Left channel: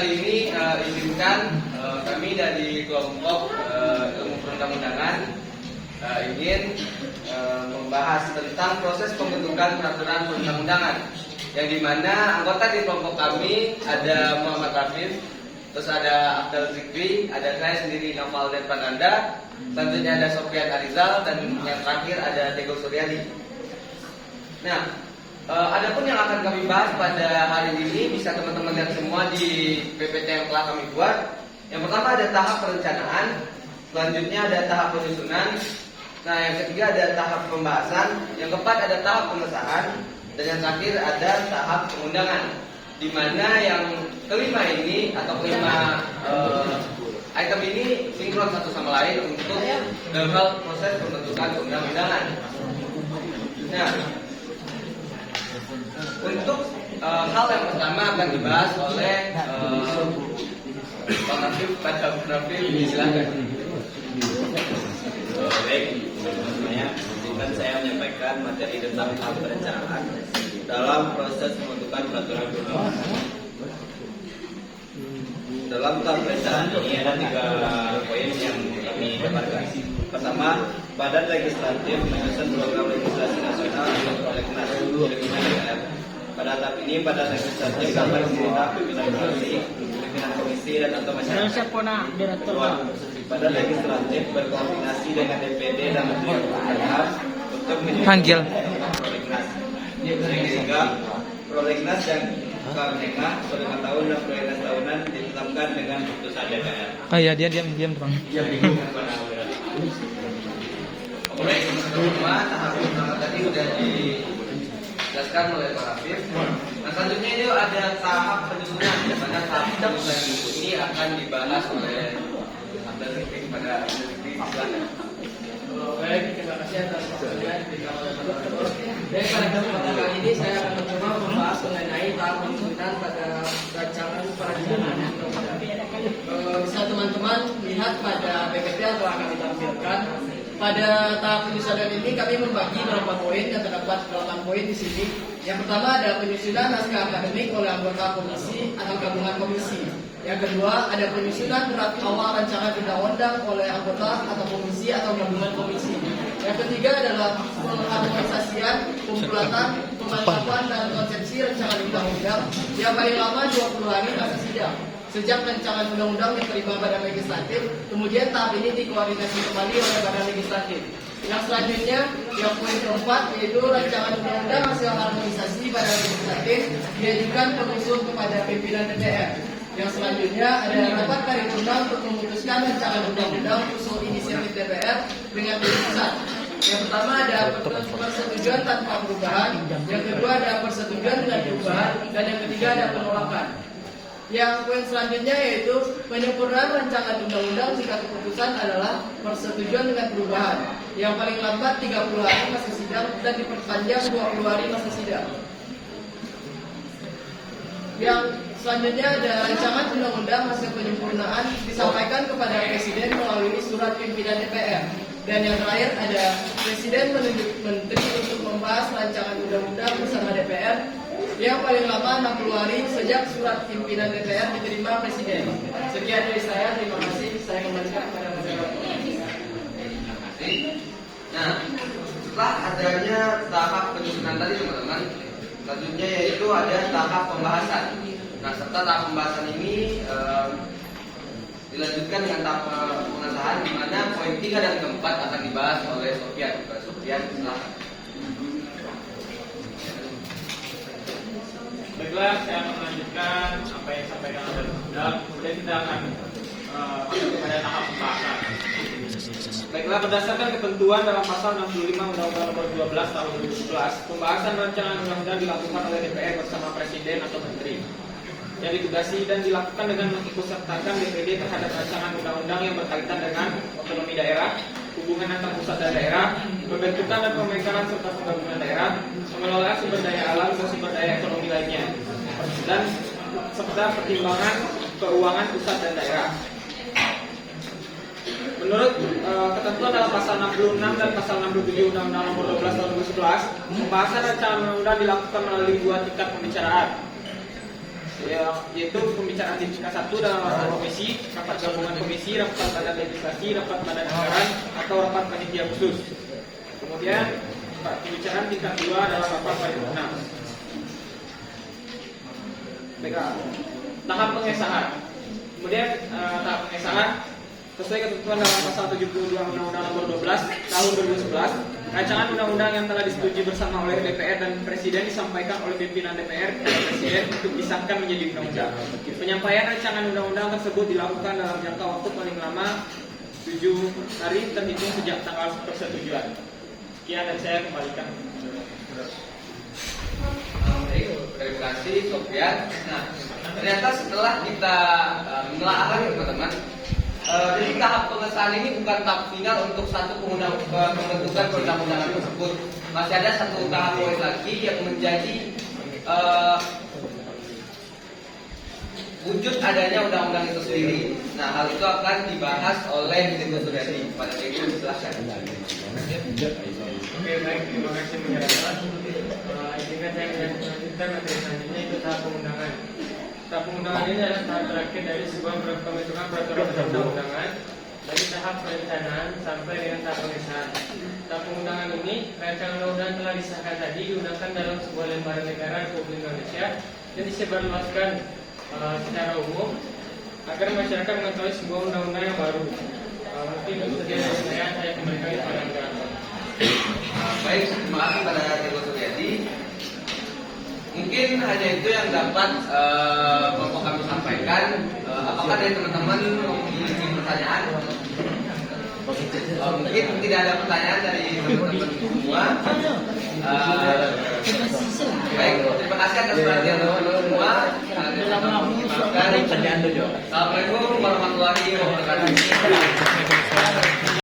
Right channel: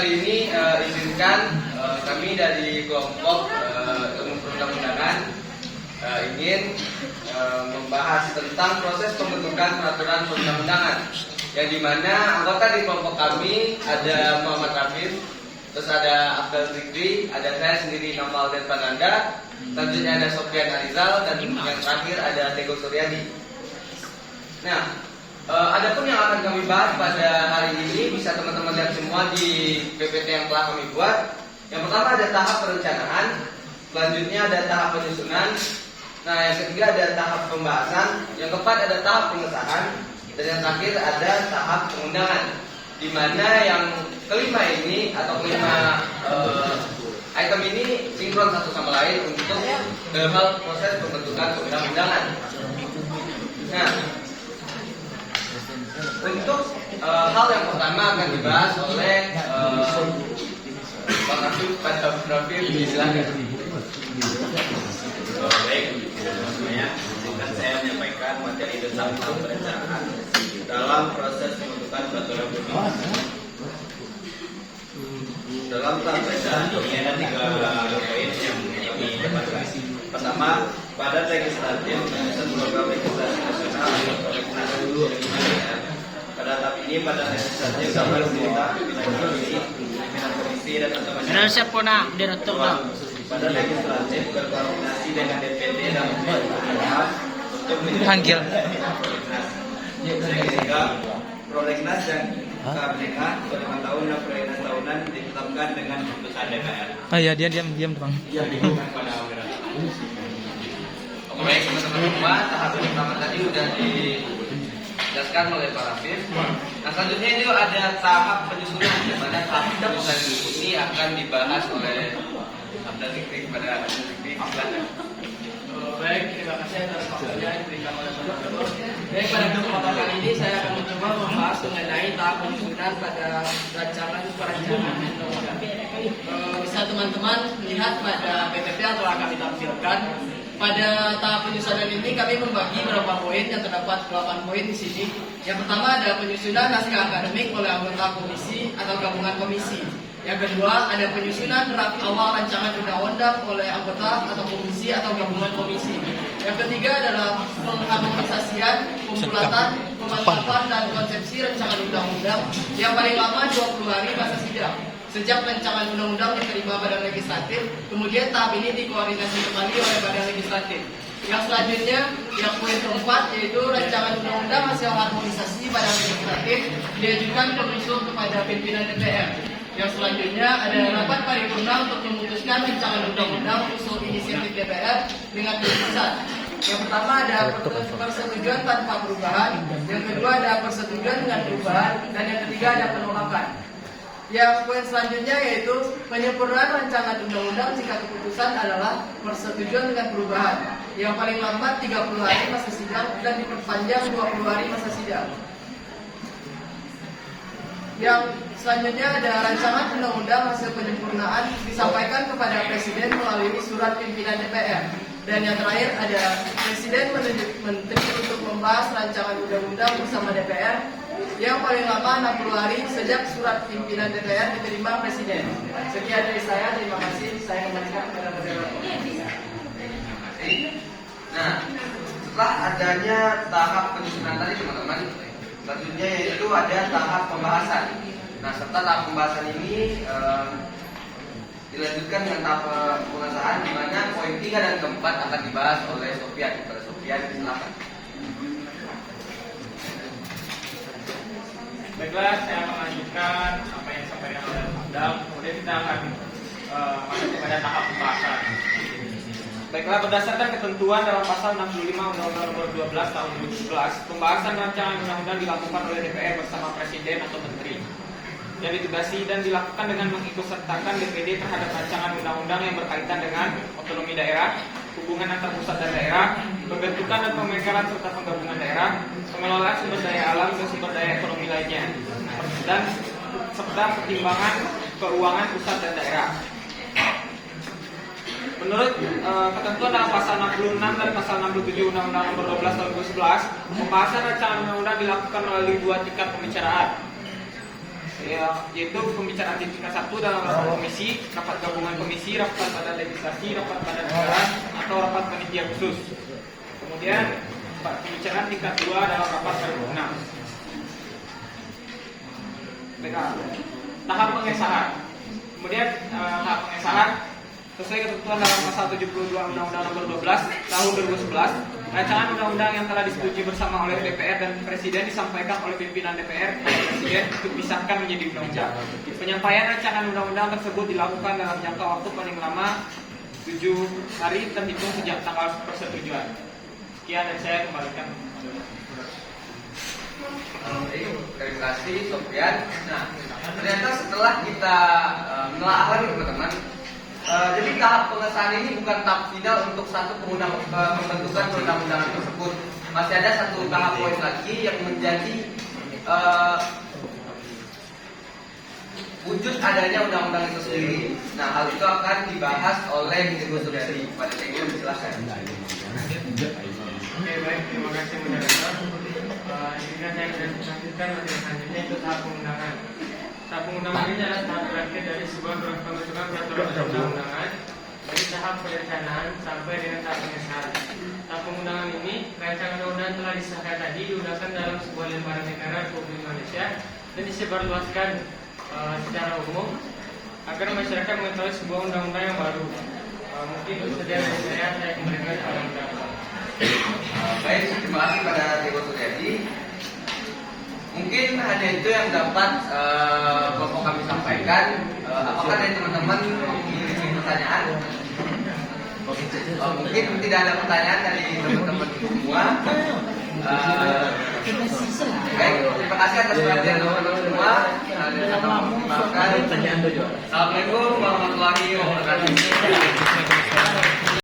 kali ini izinkan kami dari kelompok ilmu perundang-undangan ingin membahas tentang proses pembentukan peraturan perundang-undangan, yang dimana anggota di kelompok kami ada Muhammad Rafif, terus ada Abdul Fikri, ada saya sendiri Namal dan Pananda, selanjutnya ada Sofian Arizal, dan yang terakhir ada Tego Suryadi. Nah, adapun yang akan kami bahas pada hari ini bisa teman-teman lihat semua di PPT yang telah kami buat. Yang pertama ada tahap perencanaan, selanjutnya ada tahap penyusunan, nah yang ketiga ada tahap pembahasan, yang keempat ada tahap pengesahan, dan yang terakhir ada tahap pengundangan. Di mana yang kelima ini atau kelima item ini sinkron satu sama lain untuk dalam hal proses pembentukan perundang-undangan. Nah, untuk hal yang pertama akan dibahas oleh Pak Rafif pada Rafif, silakan. Baik, sebelumnya izinkan saya menyampaikan materi tentang tahap perencanaan dalam proses pembentukan peraturan perundang-undangan. Dalam tahap perencanaan ini ada 3 poin yang kami dapatkan. Pertama, Badan Legislatif menyusun program legislasi nasional untuk prolegnas DPR. Pada tahap ini Badan Legislatif dapat meminta pimpinan komisi dan atau masyarakat. Badan Legislatif berkoordinasi dengan DPD dan Menteri Pertahanan untuk Panggil. prolegnas. Sehingga prolegnas dan KPK per 5 tahun dan prolegnas tahunan ditetapkan dengan keputusan DPR. Oh iya, dia diam Bang. Yang digunakan pada anggaran. Baik teman-teman semua, tahap yang pertama tadi sudah dijelaskan oleh Pak Rafif. Nah selanjutnya ini ada tahap penyusunan, di mana tahap penyusunan ini akan dibahas oleh Abdul Fikri. Pada Abdul Fikri, silakan. Baik, terima kasih atas waktunya yang diberikan oleh Pak Dokter. Jadi pada kesempatan kali ini saya akan mencoba membahas mengenai tahap penyusunan pada rancangan perencanaan undang-undang. Bisa teman-teman lihat pada PPT yang telah kami tampilkan. Pada tahap penyusunan ini kami membagi beberapa poin, yang terdapat 8 poin di sini. Yang pertama ada penyusunan naskah akademik oleh anggota komisi atau gabungan komisi. Yang kedua ada penyusunan draft awal rancangan undang-undang oleh anggota atau komisi atau gabungan komisi. Yang ketiga adalah pengharmonisasian, pembulatan, pemantapan dan konsepsi rancangan undang-undang yang paling lama 20 hari masa sidang sejak rancangan undang-undang diterima Badan Legislatif, kemudian tahap ini dikoordinasi kembali oleh Badan Legislatif. Yang selanjutnya, yang poin keempat yaitu rancangan undang-undang hasil harmonisasi Badan Legislatif diajukan pengusul kepada pimpinan DPR. Yang selanjutnya ada rapat paripurna untuk memutuskan rancangan undang-undang usul inisiatif DPR dengan keputusan. Yang pertama ada persetujuan tanpa perubahan, yang kedua ada persetujuan dengan perubahan, dan yang ketiga ada penolakan. Yang poin selanjutnya yaitu penyempurnaan rancangan undang-undang jika keputusan adalah persetujuan dengan perubahan. Yang paling lambat 30 hari masa sidang dan diperpanjang 20 hari masa sidang. Yang selanjutnya ada rancangan undang-undang hasil penyempurnaan disampaikan kepada Presiden melalui surat pimpinan DPR. Dan yang terakhir ada Presiden menunjuk Menteri untuk membahas rancangan undang-undang bersama DPR yang paling lama 60 hari sejak surat pimpinan DPR diterima Presiden. Sekian dari saya, terima kasih. Saya kembalikan kepada moderator. Nah, setelah adanya tahap penyusunan tadi teman-teman, selanjutnya yaitu ada tahap pembahasan. Nah, serta tahap pembahasan ini dilanjutkan dengan tahap pengesahan, di mana poin 3 dan 4 akan dibahas oleh Sofian. Pada Sofian, silakan. Baiklah, saya melanjutkan apa yang disampaikan oleh Pak. Kemudian kita akan masuk pada tahap pembahasan. Baiklah, berdasarkan ketentuan dalam pasal 65 Undang-Undang Nomor 12 Tahun 2011, pembahasan rancangan undang-undang dilakukan oleh DPR bersama Presiden atau Menteri yang ditugasi dan dilakukan dengan mengikutsertakan DPD terhadap rancangan undang-undang yang berkaitan dengan otonomi daerah, hubungan antar pusat dan daerah, pembentukan dan pemekaran serta penggabungan daerah, pengelolaan sumber daya alam dan sumber daya ekonomi lainnya, dan serta pertimbangan keuangan pusat dan daerah. Menurut ketentuan dalam pasal 66 dan pasal 67 Undang-Undang Nomor 12 Tahun 2011, pembahasan rancangan undang-undang dilakukan melalui 2 tingkat pembicaraan. yaitu pembicaraan di tingkat 1 dalam rapat komisi, rapat gabungan komisi, rapat badan legislasi, rapat badan anggaran, atau rapat panitia khusus. Kemudian pembicaraan tingkat 2 dalam rapat paripurna. Tahap pengesahan. Kemudian tahap pengesahan sesuai ketentuan dalam pasal 72 Undang-Undang Nomor 12 Tahun 2011, rancangan undang-undang yang telah disetujui bersama oleh DPR dan Presiden disampaikan oleh pimpinan DPR dan Presiden untuk disahkan menjadi undang-undang. Penyampaian rancangan undang-undang tersebut dilakukan dalam jangka waktu paling lama 7 hari terhitung sejak tanggal persetujuan. Sekian dari saya, kembalikan. Terima kasih Sofian. Nah, ternyata setelah kita menelaah lagi teman-teman, jadi tahap pengesahan ini bukan tahap final untuk satu pembentukan perundang-undangan tersebut. Masih ada satu tahap poin lagi yang menjadi wujud adanya undang-undang itu sendiri. Nah, hal itu akan dibahas oleh Ibu Suryadi. Pada Ibu silakan. Oke, baik, terima kasih menyarankan. Jika saya akan melanjutkan materi selanjutnya itu tahap pengundangan. Tahap pengundangan ini adalah tahap terakhir dari sebuah pembentukan peraturan perundang-undangan dari tahap perencanaan sampai dengan tahap pengesahan. Tahap pengundangan ini, rancangan undang-undang telah disahkan tadi diundangkan dalam sebuah lembaga negara Republik Indonesia dan disebarluaskan secara umum agar masyarakat mengetahui sebuah undang-undang yang baru. Mungkin itu saja dari saya kembalikan kepada moderator. Baik, terima kasih pada Ibu Suryadi. Mungkin hanya itu yang dapat kelompok kami sampaikan. Apakah dari teman-teman memiliki pertanyaan? Mungkin tidak ada pertanyaan dari teman-teman semua. Baik, terima kasih atas perhatian teman-teman semua. Assalamualaikum warahmatullahi wabarakatuh.